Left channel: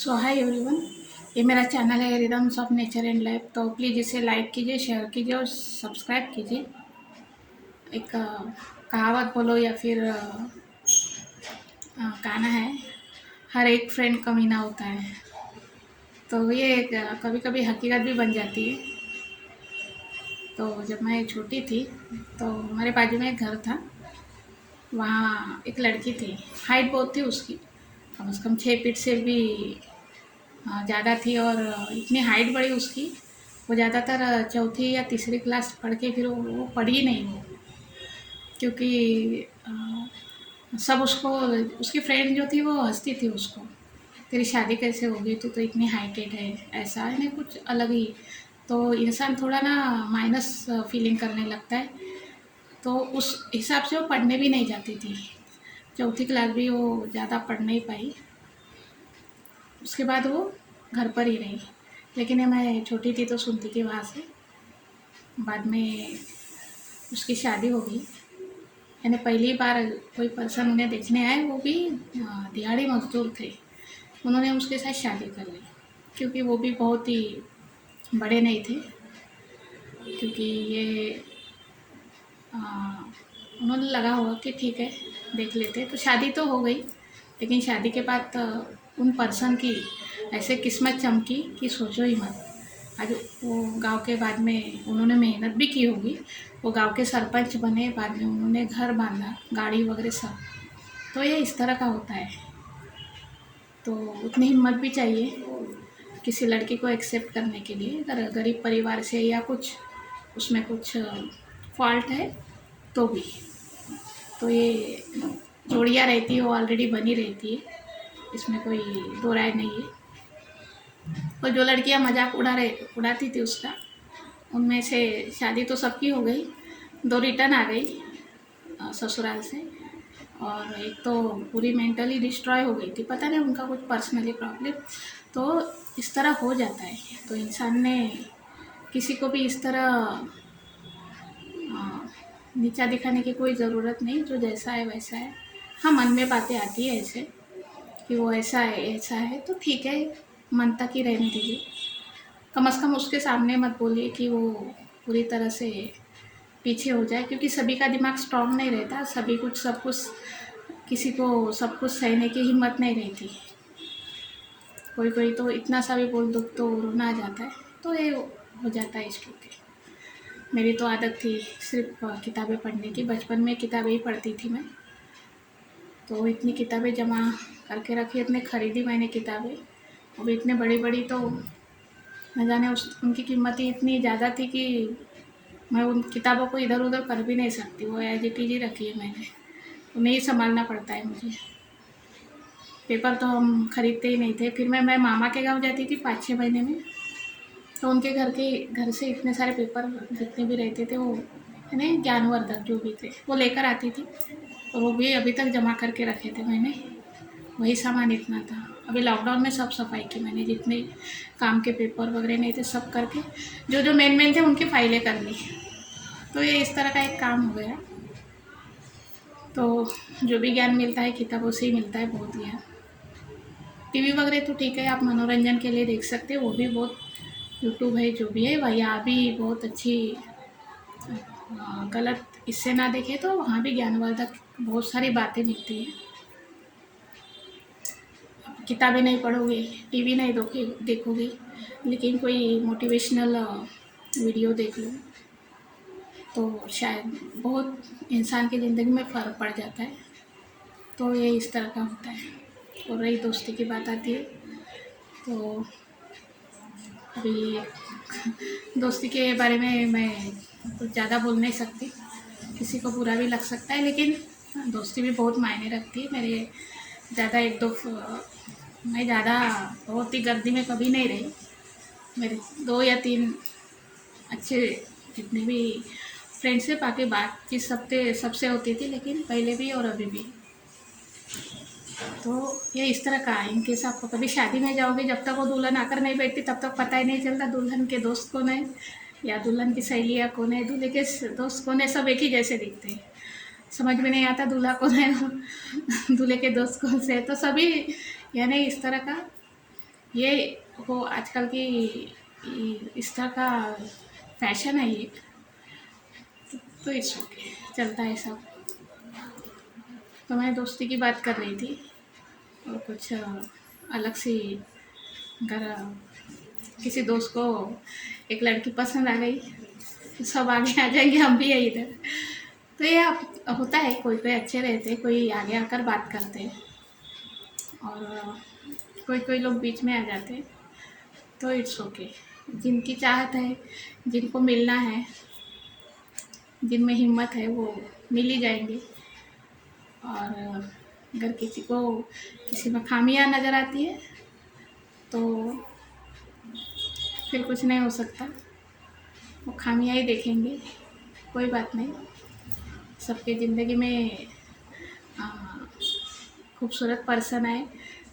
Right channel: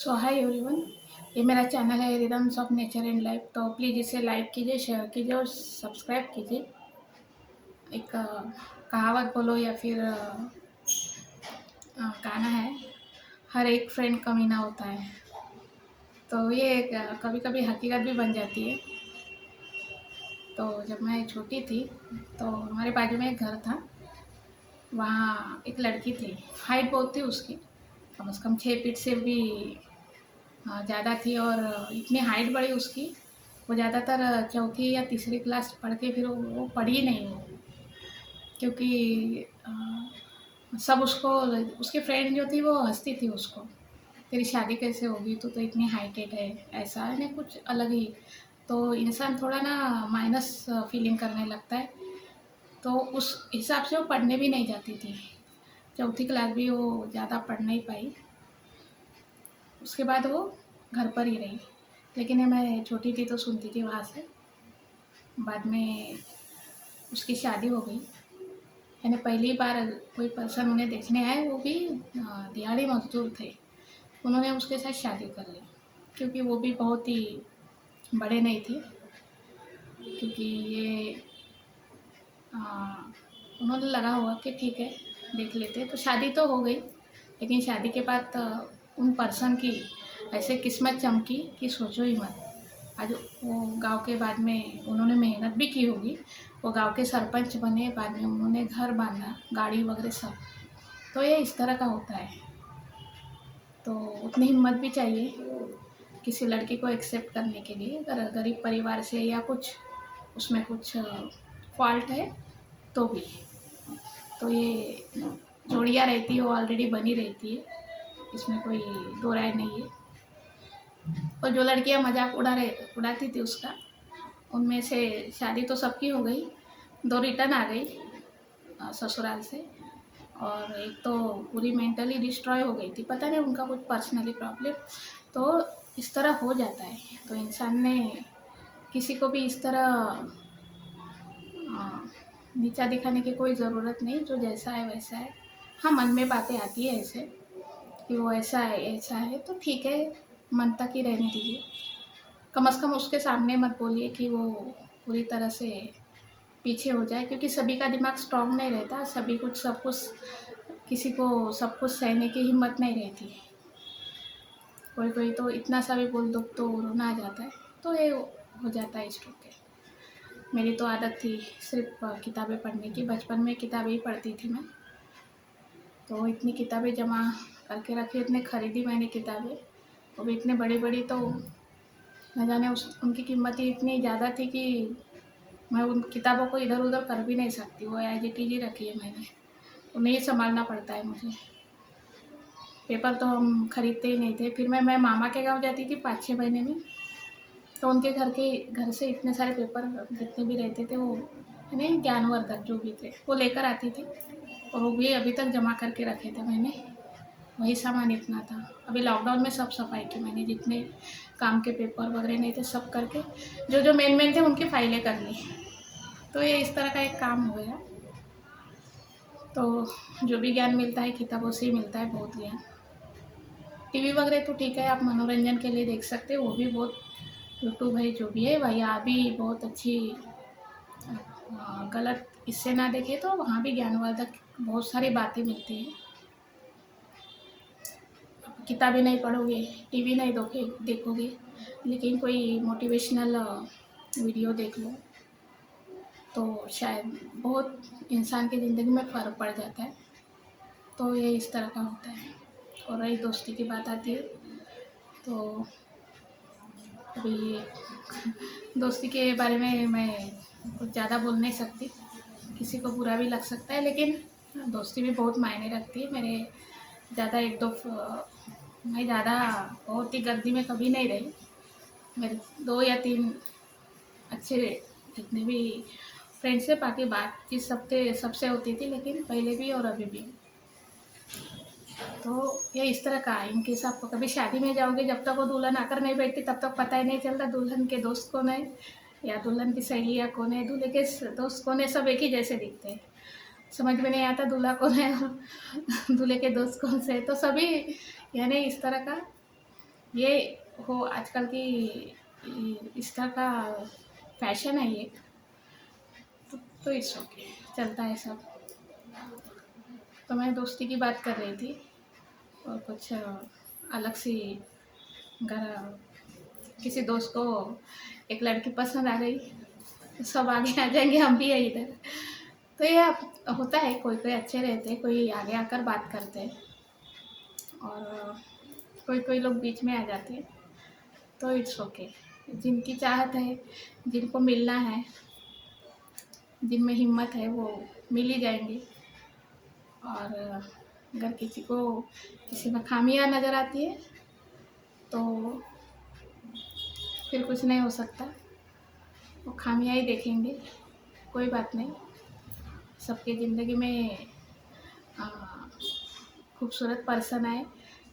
सो hi everyone. ये मेरा channel है rhythms of nature and life. तो प्लीज़ इसे लाइक कीजिए, शेयर कीजिए और सब्सक्राइब कीजिए। एक कहावत बोलो या फिर गाना है, हर एक फ्रेंड कमीना होता है। तो ये एक कभी कभी हकीकत भी बन जाती है। तो जब मैं छोटी थी तो हमारे बाजू में एक घर था। वहाँ एक लड़की थी, हाइट बहुत थी उसकी, कम से कम 6 फीट से भी ज़्यादा थी। और इतनी हाइट बढ़ी उसकी, वो ज़्यादातर चौथी या तीसरी क्लास पढ़ के फिर वो पढ़ी नहीं वो, क्योंकि सब उसको, उसकी फ्रेंड जो थी वो हंसती थी उसको, तेरी शादी कैसे होगी, तू तो इतनी हाइटेड है, ऐसा है ना, कुछ अलग ही। तो इंसान थोड़ा ना माइनस फीलिंग करने लगता है। तो उस हिसाब से वो पढ़ने भी नहीं जाती थी। चौथी क्लास भी वो ज़्यादा पढ़ नहीं पाई। उसके बाद वो घर पर ही रही। लेकिन ये मैं छोटी थी तो सुनती थी वहाँ से। बाद में उसकी शादी हो गई। यानी पहली बार कोई पर्सन उन्हें देखने आए, वो भी दिहाड़ी मजदूर थे। उन्होंने उसके साथ शादी कर ली, क्योंकि वो भी बहुत ही बड़े नहीं थे। क्योंकि ये आ, उन्होंने लगा होगा कि ठीक है देख लेते। तो शादी तो हो गई, लेकिन शादी के बाद उन पर्सन की ऐसे किस्मत चमकी कि सोचो ही मत। आज वो गांव के, बाद में उन्होंने मेहनत भी की होगी, वो गांव के सरपंच बने, बाद में उन्होंने घर बांधा, गाड़ी वगैरह सब। तो ये इस तरह का होता है। तो उतनी हिम्मत भी चाहिए किसी लड़की को एक्सेप्ट करने के लिए, अगर गरीब परिवार से या कुछ उसमें कुछ फॉल्ट है तो भी। तो ये जोड़ियाँ रहती है वो ऑलरेडी बनी रहती है, इसमें कोई दो राय नहीं है। और जो लड़कियां मजाक उड़ाती थी उसका, उनमें से शादी तो सबकी हो गई, 2 रिटर्न आ गई ससुराल से। और एक तो पूरी मेंटली डिस्ट्रॉय हो गई थी, पता नहीं उनका कुछ पर्सनली प्रॉब्लम। तो इस तरह हो जाता है। तो इंसान ने किसी को भी इस तरह नीचा दिखाने की कोई ज़रूरत नहीं। जो जैसा है वैसा है। हाँ, मन में बातें आती है ऐसे कि वो ऐसा है तो ठीक है, मन तक ही रहने दीजिए। कम से कम उसके सामने मत बोलिए कि वो पूरी तरह से पीछे हो जाए, क्योंकि सभी का दिमाग स्ट्रांग नहीं रहता। सभी कुछ सब कुछ, किसी को सब कुछ सहने की हिम्मत नहीं रहती। कोई कोई तो इतना सा भी बोल दो तो रोना आ जाता है। तो ये हो जाता है इसके। मेरी तो आदत थी सिर्फ किताबें पढ़ने की। बचपन में किताबें ही पढ़ती थी मैं। तो इतनी किताबें जमा करके रखी, इतने खरीदी मैंने किताबें। अब इतने बड़ी बड़ी तो न जाने उनकी कीमत ही इतनी ज़्यादा थी कि मैं उन किताबों को इधर उधर कर भी नहीं सकती। वो एज इट इज ही रखी है मैंने। उन्हें ही संभालना पड़ता है मुझे। पेपर तो हम खरीदते ही नहीं थे। फिर मैं मामा के गांव जाती थी 5-6 महीने में। तो उनके घर से इतने सारे पेपर जितने भी रहते थे, वो है ना, ज्ञानवर्धक जो भी थे वो लेकर आती थी। और वो भी अभी तक जमा करके रखे थे मैंने। वही सामान इतना था। अभी लॉकडाउन में सब सफाई की मैंने, जितने काम के पेपर वगैरह नहीं थे सब करके, जो जो मेन थे उनकी फाइलें कर ली। तो ये इस तरह का एक काम हो गया। तो जो भी ज्ञान मिलता है किताबों से ही मिलता है, बहुत ज्ञान। टीवी वगैरह तो ठीक है, आप मनोरंजन के लिए देख सकते हैं, वो भी बहुत। यूट्यूब है जो भी है, वहाँ भी बहुत अच्छी गलत इससे ना देखे तो वहाँ भी ज्ञानवर्धक बहुत सारी बातें मिलती है। किताबें नहीं पढ़ोगे, टीवी नहीं देखोगे, लेकिन कोई मोटिवेशनल वीडियो देख लो तो शायद बहुत इंसान की ज़िंदगी में फ़र्क पड़ जाता है। तो ये इस तरह का होता है। और रही दोस्ती की बात आती है, तो अभी दोस्ती के बारे में मैं कुछ ज़्यादा बोल नहीं सकती, किसी को बुरा भी लग सकता है। लेकिन दोस्ती भी बहुत मायने रखती है। मेरे ज़्यादा एक दो मैं ज़्यादा बहुत ही गर्दी में कभी नहीं रही। मेरे 2 या 3 अच्छे जितने भी फ्रेंड्स से, बाकी बातचीत सबसे होती थी, लेकिन पहले भी और अभी भी। तो ये इस तरह का है। इनकेस आप कभी शादी में जाओगे, जब तक वो दुल्हन आकर नहीं बैठती तब तक पता ही नहीं चलता दुल्हन के दोस्त कौन है या दुल्हन की सहेलियाँ कौन है, दूल्हे के दोस्त कौन है। सब एक ही जैसे दिखते हैं। समझ में नहीं आता दूल्हा कौन है दूल्हे के दोस्त कौन से है। तो सभी यानी इस तरह का ये हो आजकल की इस तरह का फैशन है ये। तो इट्स ओके, चलता है सब। तो मैं दोस्ती की बात कर रही थी और कुछ अलग सी घर किसी दोस्त को एक लड़की पसंद आ गई तो सब आगे आ जाएंगे, हम भी है इधर। तो ये होता है, कोई कोई अच्छे रहते हैं, कोई आगे आकर बात करते हैं और कोई कोई लोग बीच में आ जाते हैं। तो इट्स ओके, जिनकी चाहत है, जिनको मिलना है, जिनमें हिम्मत है, वो मिल ही जाएंगे। और अगर किसी को किसी में खामियां नज़र आती है तो फिर कुछ नहीं हो सकता, वो खामियां ही देखेंगे। कोई बात नहीं, सबके ज़िंदगी में आ, खूबसूरत पर्सन आए,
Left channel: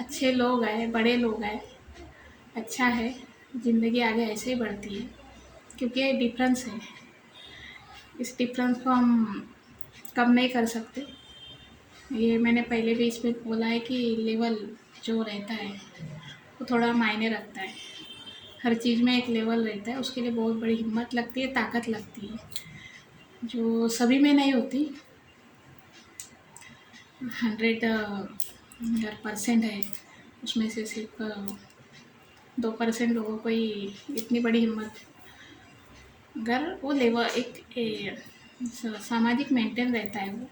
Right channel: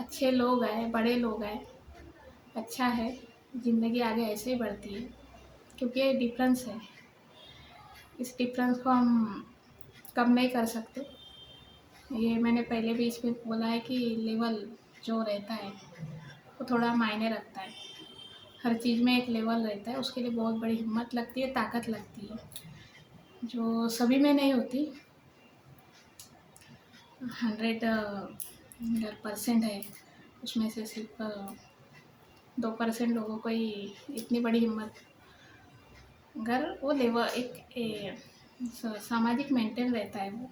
अच्छे लोग आए, बड़े लोग आए, अच्छा है। ज़िंदगी आगे ऐसे ही बढ़ती है, क्योंकि ये डिफरेंस है, इस डिफरेंस को हम कम नहीं कर सकते। ये मैंने पहले भी इसमें बोला है कि लेवल जो रहता है वो थोड़ा मायने रखता है। हर चीज़ में एक लेवल रहता है, उसके लिए बहुत बड़ी हिम्मत लगती है, ताकत लगती है, जो सभी में नहीं होती। 100% है, उसमें से सिर्फ 2% लोगों को ही इतनी बड़ी हिम्मत। अगर वो लेवल सामाजिक मेंटेन रहता है वो,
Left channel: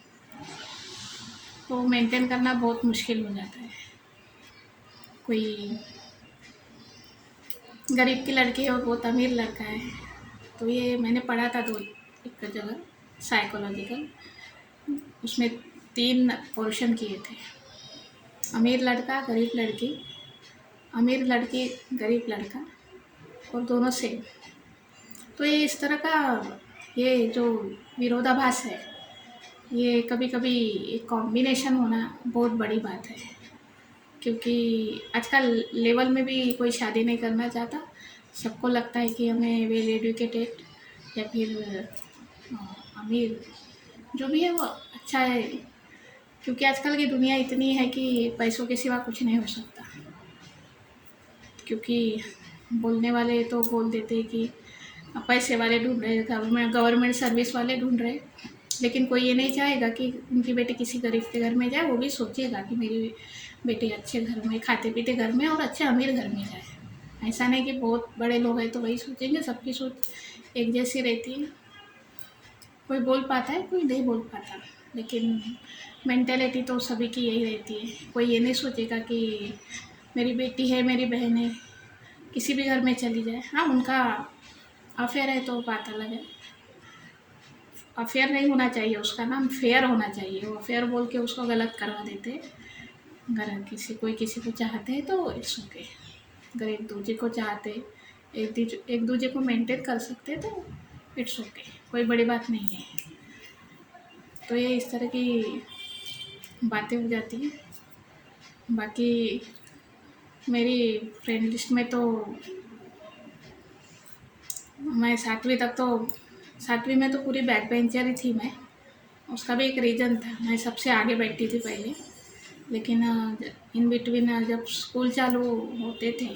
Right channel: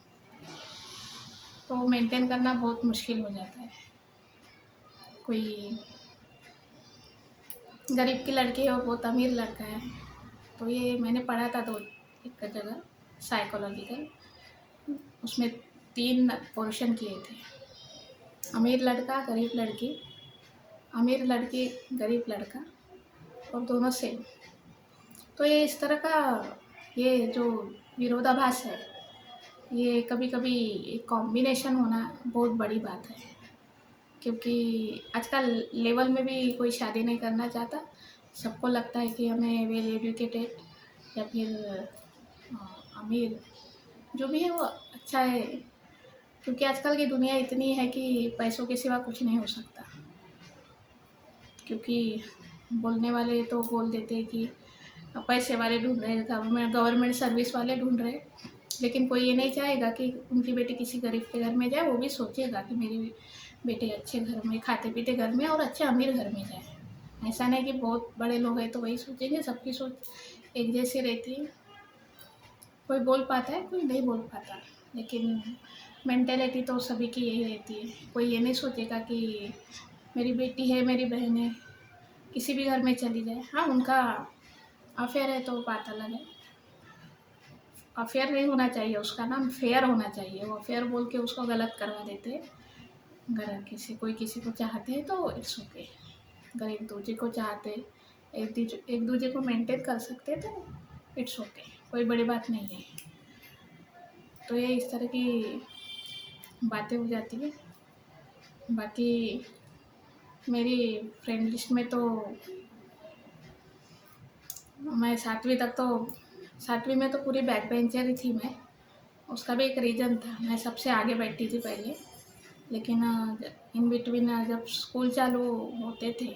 तो मेंटेन करना बहुत मुश्किल हो जाता है। कोई गरीब की लड़की है और बहुत अमीर लड़का है, तो ये मैंने पढ़ा था तो एक जगह साइकोलॉजिकल, उसमें 3 पोर्शन किए थे। अमीर लड़का, गरीब लड़की, अमीर लड़की, गरीब लड़का, और दोनों सेम। तो ये इस तरह का ये जो विरोधाभास है, ये कभी कभी एक कॉम्बिनेशन होना बहुत बड़ी बात है। क्योंकि आजकल लेवल में भी कोई शादी नहीं करना चाहता, सबको लगता है कि हमें वेल एजुकेटेड या फिर अमीर जो भी है वो अच्छा है। क्योंकि आजकल की दुनिया इतनी है कि पैसों के सिवा कुछ नहीं हो सकता। क्योंकि बोलने वाले तो बोल देते हैं कि पैसे वाले ढूंढ रहे, गवर्नमेंट सर्विस वाले ढूंढ रहे, लेकिन कोई ये नहीं चाहेगा कि उनकी बेटी किसी गरीब के घर में जाए। वो भी सोचेगा कि मेरी बेटी अच्छे घर में, खाते पीते घर में और अच्छे अमीर घर में जाए। ऐसा नहीं कि बहुत बड़े लोग हैं तो वही सोचेंगे, सबकी सोच एक जैसी रहती है। कोई बोल पाता है, कोई नहीं बोल पाता, लेकिन मेंटेलिटी तो सभी की यही रहती है। कोई ये नहीं सोचेगा कि मेरी बेटी है, मेरी बहन है, किसी भी घर में चली जाए। हाँ, उनका अफेयर है तो बात अलग है, अफेयर नहीं होना चाहिए, उसका नाम फेयर होना चाहिए। वो अफेयर बोल के उसको गलत करवा देते। अगर कोई किसी को चाहते हैं तो इट्स ओके। अगर एक दूसरे को चाहते, एक दूसरे को मेंटेन कर सकते हैं तो इट्स ओके, कोई बड़ी बात नहीं है। तो ये इस तरह की बातें हो जाती है। बाकी मेरी फ्रेंड लिस्ट में तो मैं 7वीं में तो पूरी बैक बेंचर ही थी मैं। उसका भी एक रीज़न था, मैं सबसे आगे बैठती थी पहले। लेकिन इन बिटवीन जब स्कूल चालू होते थे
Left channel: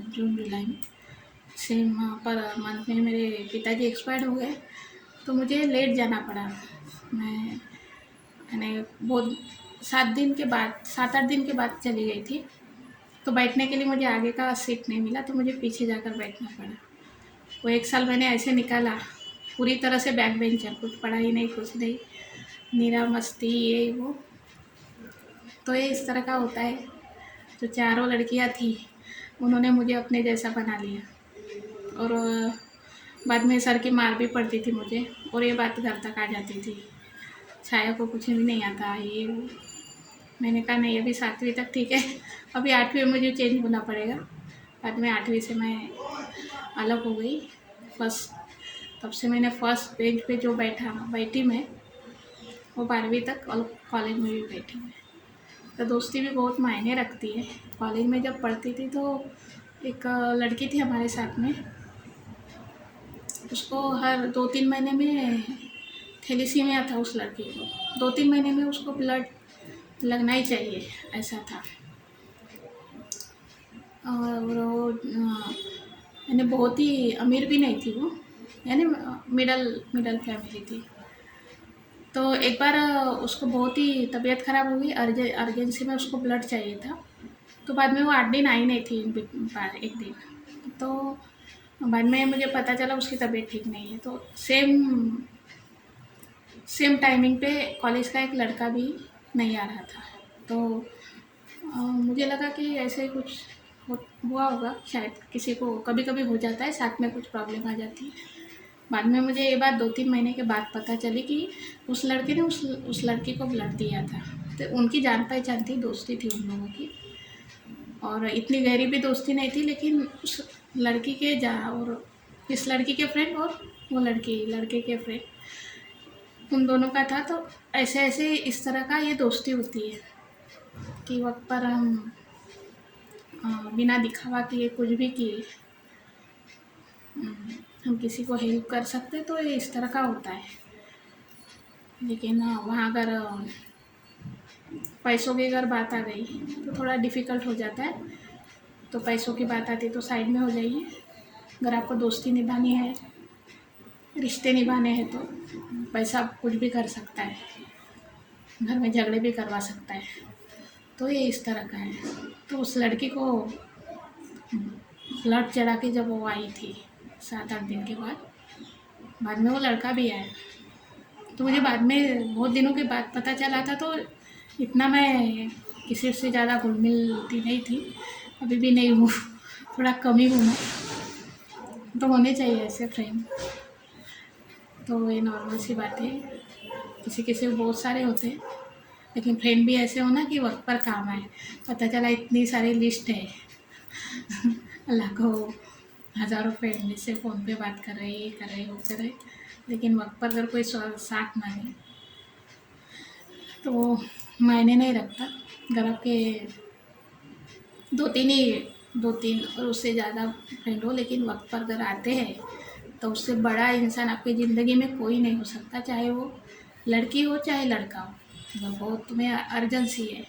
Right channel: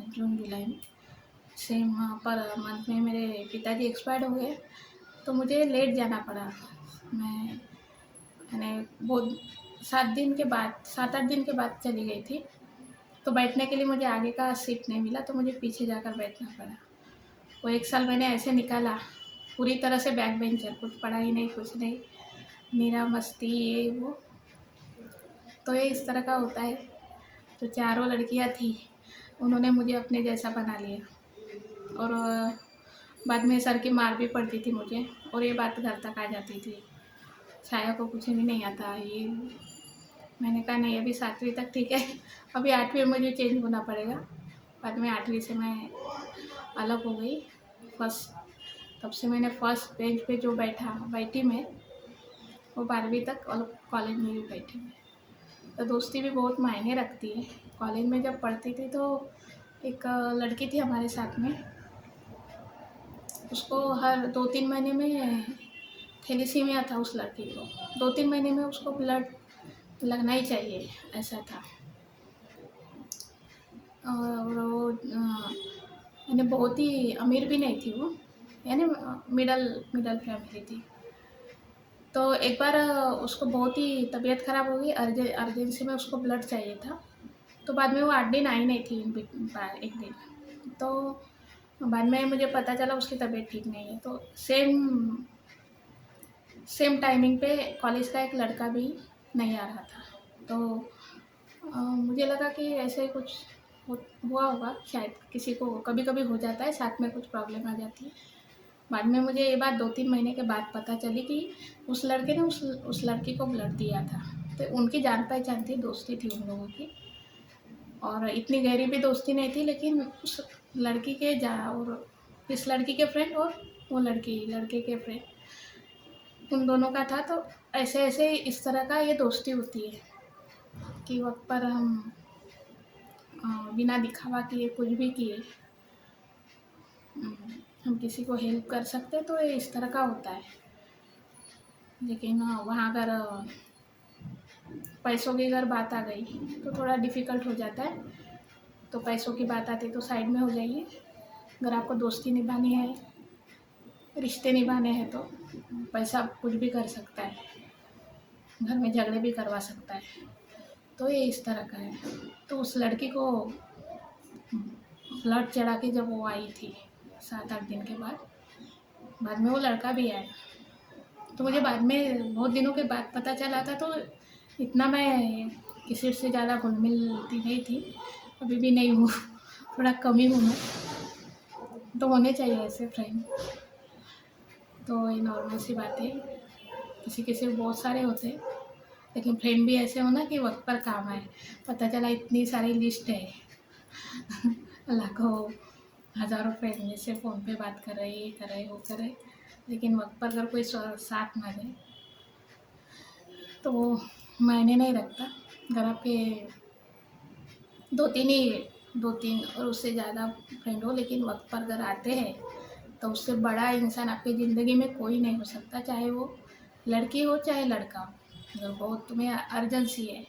जून जुलाई में, सेम पर मंथ में मेरे पिताजी एक्सपायर्ड हो गए, तो मुझे लेट जाना पड़ा। मैंने बहुत 7-8 दिन के बाद चली गई थी, तो बैठने के लिए मुझे आगे का सीट नहीं मिला, तो मुझे पीछे जाकर बैठना पड़ा। वो 1 साल मैंने ऐसे निकाला, पूरी तरह से बैक बेंचर, कुछ पढ़ाई नहीं, कुछ नहीं, नीरा मस्ती ये वो। तो ये इस तरह का होता है। जो चारों लड़कियां थी उन्होंने मुझे अपने जैसा बना लिया, और बाद में सर की मार भी पड़ती थी मुझे, और ये बात घर तक आ जाती थी, छाया को कुछ भी नहीं आता ये वो। मैंने कहा नहीं, अभी 7वीं तक ठीक है, अभी 8वीं में मुझे चेंज होना पड़ेगा। बाद में 8वीं से मैं अलग हो गई। फर्स्ट तब से मैंने फर्स्ट बेंच पे जो बैठी मैं, वो 12वीं तक, और कॉलेज में भी बैठी मैं। तो दोस्ती भी बहुत मायने रखती है। कॉलेज में जब पढ़ती थी तो एक लड़की थी हमारे साथ में, उसको हर 2-3 महीने में थैलेसीमिया था उस लड़की को। 2-3 महीने में उसको ब्लड लगना ही चाहिए, ऐसा था। बहुत ही अमीर भी नहीं थी वो, यानी मिडल मिडल फैमिली थी। तो एक बार उसको बहुत ही तबीयत ख़राब हो गई, अर्जेंसी में उसको ब्लड चाहिए था। तो बाद में वो 8 दिन आई नहीं थी, एक दिन। तो बाद में मुझे पता चला उसकी तबीयत ठीक नहीं है। तो सेम सेम टाइमिंग पे कॉलेज का एक लड़का भी नहीं आ रहा था। तो मुझे लगा कि ऐसे ही कुछ हुआ होगा, शायद किसी को कभी कभी हो जाता है, साथ में कुछ प्रॉब्लम आ जाती है। बाद में मुझे ये बात 2-3 महीने के बाद पता चली कि उस लड़के ने उस लड़की को ब्लड दिया था। तो उनकी जान पहचान थी, दोस्ती थी उन लोगों की, और इतनी गहरी भी दोस्ती नहीं थी, लेकिन उस लड़की के जा और इस लड़की के फ्रेंड और वो लड़के के फ्रेंड, उन दोनों का था। तो ऐसे ऐसे इस तरह का ये दोस्ती होती है कि वक्त पर हम बिना दिखावा किए कुछ भी किए हम किसी को हेल्प कर सकते, तो ये इस तरह का होता है। लेकिन वहाँ अगर पैसों की अगर बात आ गई तो थोड़ा डिफ़िकल्ट हो जाता है। तो पैसों की बात आती तो साइड में हो जाइए। अगर आपको दोस्ती निभानी है, रिश्ते निभाने हैं, तो पैसा कुछ भी कर सकता है, घर में झगड़े भी करवा सकता है। तो ये इस तरह का है। तो उस लड़की को ब्लड चढ़ा के जब वो आई थी 7-8 दिन के बाद में वो लड़का भी आया। तो मुझे बाद में बहुत दिनों के बाद पता चला था। तो इतना मैं किसी से ज़्यादा घुल मिलती नहीं थी, अभी भी नहीं हूँ, थोड़ा कम ही हूँ मैं। तो होने चाहिए ऐसे फ्रेंड। तो ये नॉर्मल सी बात है, किसी किसी को बहुत सारे होते हैं, लेकिन फ्रेंड भी ऐसे होना कि वक्त पर काम आए। पता चला इतनी सारी लिस्ट है लाखों हज़ारों फ्रेंड में से फ़ोन पे बात कर रहे, ये कर रहे, वो कर रहे, लेकिन वक्त पर अगर कोई साथ ना दे तो वो मायने नहीं रखता। अगर आपके 2-3 और उससे ज़्यादा फ्रेंड हो, लेकिन वक्त पर अगर आते हैं तो उससे बड़ा इंसान आपकी ज़िंदगी में कोई नहीं हो सकता, चाहे वो लड़की हो चाहे लड़का हो। अगर बहुत तुम्हें अर्जेंसी है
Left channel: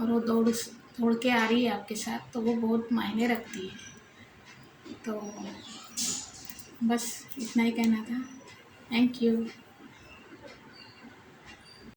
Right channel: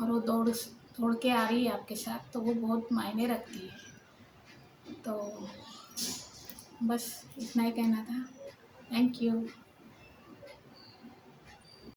और वो दौड़ के आ रही है आपके साथ, तो वो बहुत मायने रखती है। तो बस इतना ही कहना था। Thank you.